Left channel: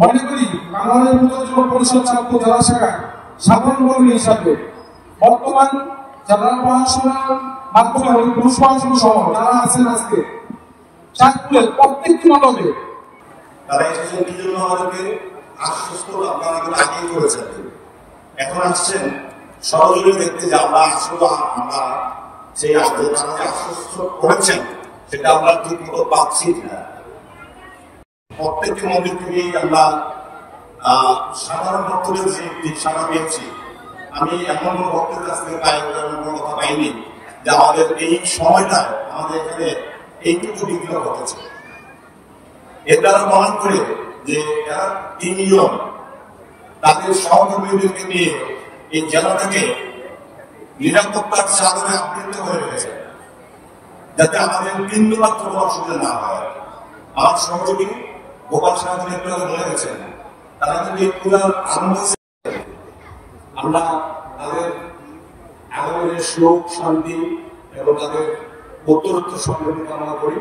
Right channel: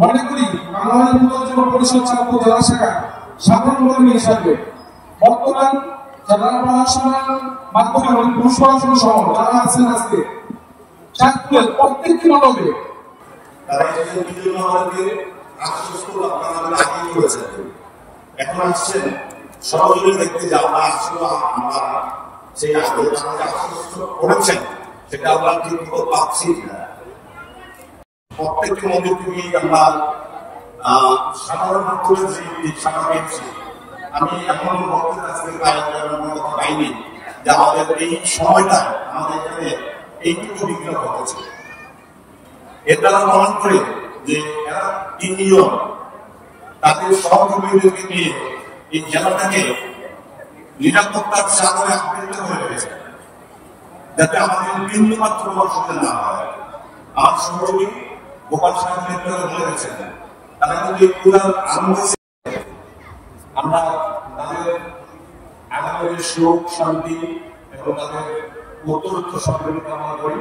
মনে করি বাংলাদেশ যুব পরিষদ ছাত্র জেলা শাখার সাধারণ কর্মী হিসাবে বর্তমান জেলা প্রশাসনের মাধ্যমে পুলিশ প্রশাসন সহ যারা আছেন আজকে চাঁদপুরের প্রত্যেকটি মণ্ডপে তারা এসেছেন কি জন্য আমাদেরকে আশ্বস্ত আপনারা আগেই করেছেন, এখন আসছেন সরাসরি দেখতে যে আমরা আসলে আমরা সেই আশ্বস্ত করেছেন সেটা আমরা ঠিক মতো পাচ্ছি না। প্রত্যেকটি মন্দির থেকেই আমরা সাধারণ ভক্তদের যে সাড়া পেয়েছি, আমি এমন ভক্তের কাছ থেকে কথা পাইনি যে আমাদের এই সময়টা আমাদের এখানে এইটুকু বিঘ্ন ঘটেছে। এর দ্বারা প্রমাণ করে যে এরা তিনজন তাদের সহকর্মীদেরকে নিয়ে এই জেলাটাকে নিরাপত্তার চাদরে আবৃত হয়ে গেছে, যাতে আমাদের বিন্দু মাত্র অসুবিধা না হয়। আমার সহযোগী গোপাল সাহেব নেতৃত্বে বলে গেছেন তারা কিন্তু এই পুরা আরম্ভ আমরা তাদের আগামী সুখ শান্তি এবং তাদের উত্তরোত্তর সমৃদ্ধি কামনা করি।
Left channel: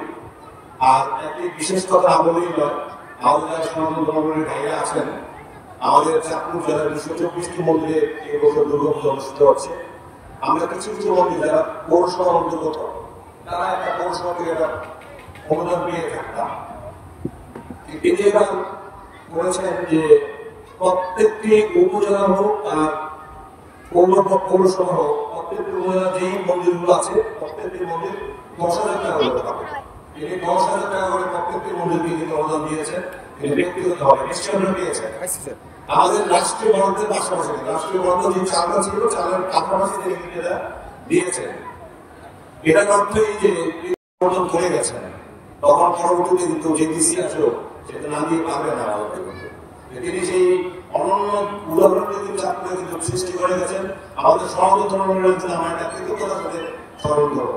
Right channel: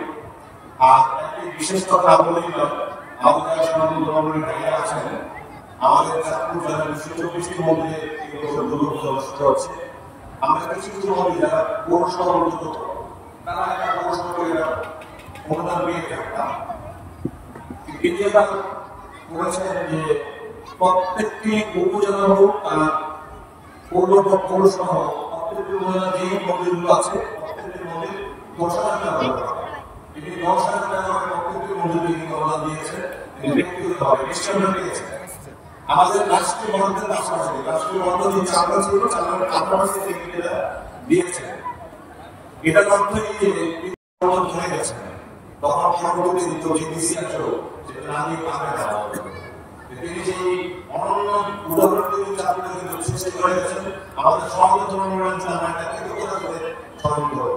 আর একটি বিশেষ কথা বলেই নয়, আমাদের যারা সনাতন ধর্মের ভাইরা আছেন, আমাদের চাঁদপুর জেলার ২৪টি মন্দিরে এই বছর দুর্গাপূজা অনুষ্ঠিত হচ্ছে। আমরা কিছু কিছু মন্দির যারা পৌরসভা অন্তর্গত তারা একটা পৌরসভা থেকে অনুদান পেয়ে থাকতাম, করেছেন যে প্রত্যেকটি উপজেলা হোক আর পৌরসভা হোক, প্রত্যেকটি যেই মন্দিরগুলো আছে প্রত্যেকটি মন্দির ১০,০০০ টাকা করে পাবে। তিনি ১০,০০০ টাকা করে প্রত্যেকটি মন্দিরকে তিনি অনুদান দিয়েছেন, তিনি ব্যক্তিগতভাবে নিশ্চয় পেয়েছেন। আমাদের রাষ্ট্রীয় বরাদ্দের পাশাপাশি রাষ্ট্রীয় বরাদ্দ যে চাঁদা ছিল চাঁদার পাশাপাশি দিয়েছেন। এটার অর্থ এই যে অনুদান ধরে গেছেন, তখন পরবর্তী যে ডিসি আসলো সেটা না দিয়ে পাবে না। তিনি সেই অনন্য উদাহরণকে চাঁদপুরে কিন্তু সৃষ্টি করে গেছেন। আমাদের সনাতন ধর্মের জন্য আমরা এটা কৃতজ্ঞতা করে স্মরণ করব।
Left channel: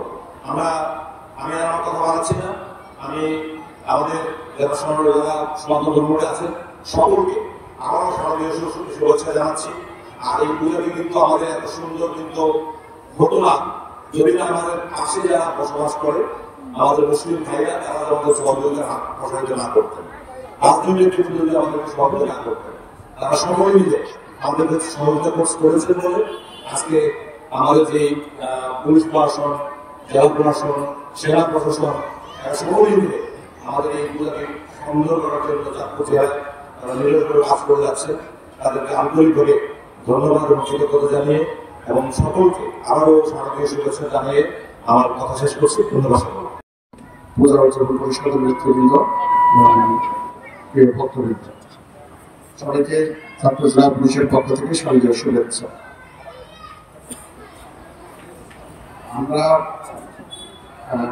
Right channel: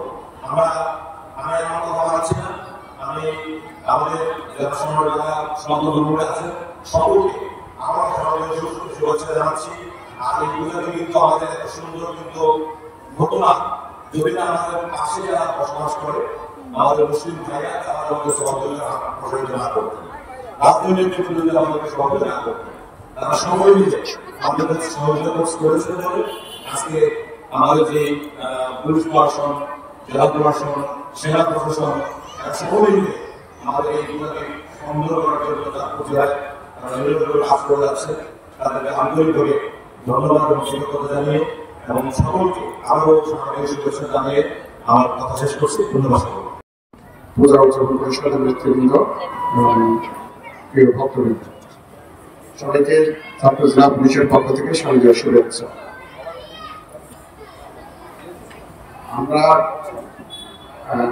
আমি আমার কথা বলাচ্ছি না, আমি আমাদের যারা সনাতন ধর্মের আছে সকলকে আমার সমাজের শুভেচ্ছা জানাচ্ছি। আর এই পূজাটি কিন্তু আমাদের এত সুন্দর কিন্তু হতো না যদি না আমাদের পাশে যারা বসবাস করে আমাদের মুসলিম ভাইরা তারা আমাদের সহযোগিতা না করতেন, রাজনৈতিক কিন্তু যদি আমাদেরকে সহযোগিতা না করতেন, তারা সময় মিলে আমাদের কাছে সহযোগিতা করেছেন বলে আজকে আমাদের যে পুলিশ প্রশাসন, জেলা প্রশাসন, সেনা প্রশাসন সময় মিলে আমাদের এই পূজাকে সুন্দর করার জন্য চাঁদপুর জেলায় কাজ করে যাচ্ছে। তাদেরকে আন্তরিকভাবে ধন্যবাদ এবং কৃতজ্ঞতা জানিয়ে এবং সকলকে আরো সামাজিক শুভেচ্ছা জানিয়ে আমার কথা শেষ করছি। ধন্যবাদ। পূজা উদযাপন পরিষদের নেতৃবৃন্দ এবং প্রিয় ভক্তবৃন্দ, সবাইকে চাঁদপুর জেলা পুলিশের পক্ষ থেকে শারদীয় শুভেচ্ছা। আমরা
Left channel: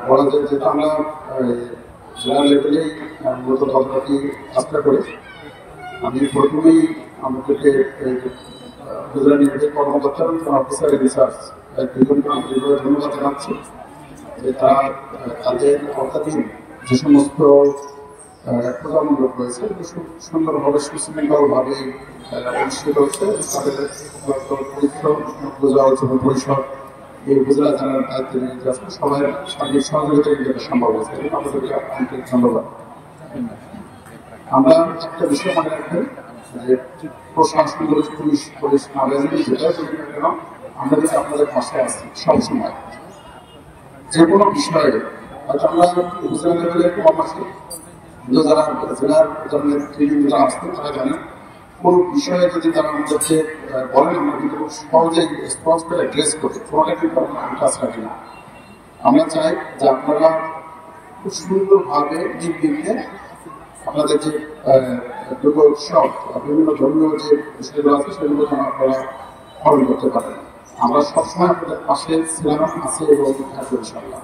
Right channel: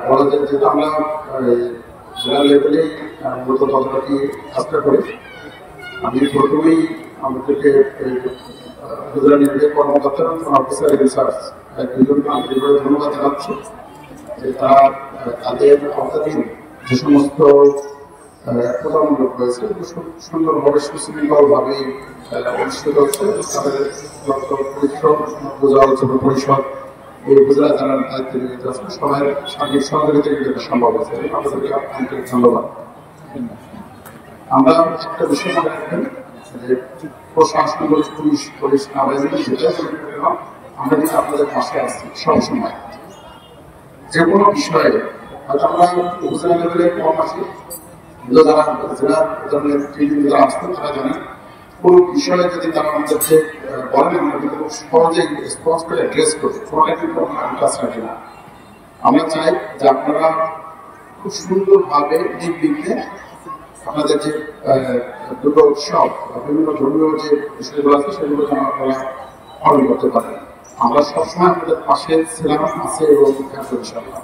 বলা যায় যেটা আমরা জেলা লেভেলেই মূলত তদারকি কাজটা করি। আমি প্রথমেই আমাদেরকে উপজেলা নির্বাহী কর্মকর্তা অফিসার রিসার্চ দুজনকে আন্তরিকভাবে ধন্যবাদ জানাচ্ছি যে তারা তাদের অর্থাধীন যে সমস্ত প্রজামূলক রয়েছে খুব সুন্দরভাবে সুশৃঙ্খলভাবে অনুষ্ঠিত হচ্ছে। তাদের পরিশ্রম পূজা উদযাপন পরিষদ এই উপজেলা জানার দায়িত্ব নিয়ে যাচ্ছে, সবাই সার্বিক সহযোগিতা কিন্তু সম্ভব হয়েছে। আপনাদেরকে আন্তরিক ধন্যবাদ। আমরা একটা বিষয় মনে রাখবেন যে প্রশাসন পুলিশ পুলিশ যেটাই বলি কেন আমরা কিন্তু আপনাদের পাশে আছি সবসময়। যে কোনো বিষয়ে হয়তো আমরা উপজেলা লেভেলে কম আছি, যারা জেলার ধরনের ট্রেনিংগুলো আসতো তারা জানেন কোনো বিষয়ে যদি তারা আমাদেরকে বলেন আমরা কিন্তু খুব সহজেই রেসপন্স করে অ্যাড্রেস করি, কোনোটা কিন্তু আমরা কাজ রাখি না। আমরা চাই যে আপনারা খুব সুন্দরভাবে নির্বিঘ্নে আপনাদের যে দুর্গা উৎসব বিভিন্ন ধর্মীয় যে বিষয়গুলো আছে সেগুলো যেন আপনারা পালন করতে পারেন। আমরা সবসময় আপনাদের পাশে ছিলাম, আছে এবং থাকবো ইনশাআল্লাহ।